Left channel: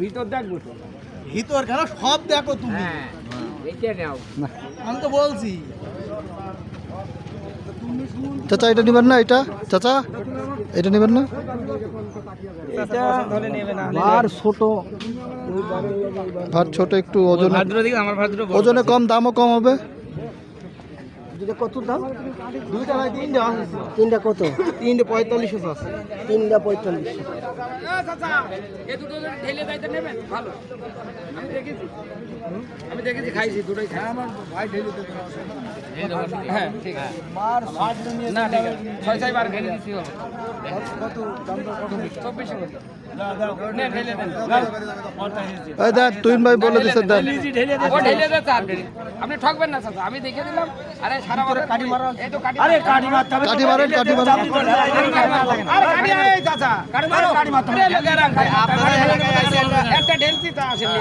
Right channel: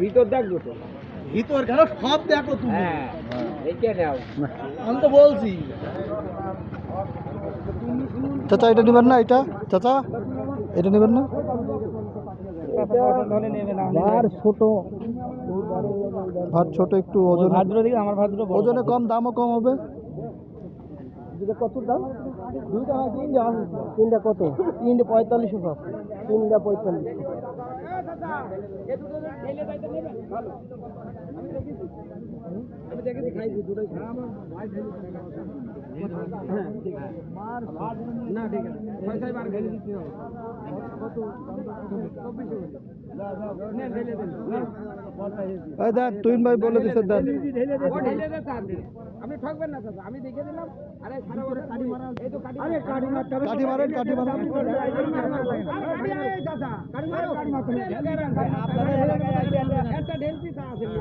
ভিতর দেখবো তো, ভিতর কেন সব দেখো তুমি। আমি তো বলছি চাচা এটা নেবেন না, এটা চাচা এটা নেবেন না, আর ছোট ভাত ছোট, একটু ওজন ওজনে কম, দামও কম হবে। কত দাম? দুইটা ভাই তিনটা আছে। তিনটা কত? তিনটে 45 আছে। তিনটা 45। আমি দেখেছি, খাইছি দুটোই খাই। আমার ভাই ঢেলে দেবে। হ্যাঁ ঠিক আছে। না ঠিক আছে, 6 বার ঢেলে দিছি হবে। কত দাম? 24 নেন ঢেলে দেন। এই দেন তুইন ভাই বলে দিছে দেন। ঢেলে দে স্যার। আপনি ঠকবেন না স্যার, আমি দেখে দিলাম। আরে সারা বছর কাটি মারা, এই তো কাটি। আরে কাটি মারতে হবে। কাঠি মারেন, কাঠি মারেন। আরে কাটি এই চাচা, কাটি মারো, কাটি মারতে হবে। একটা ঢেলছি তা আসেনি।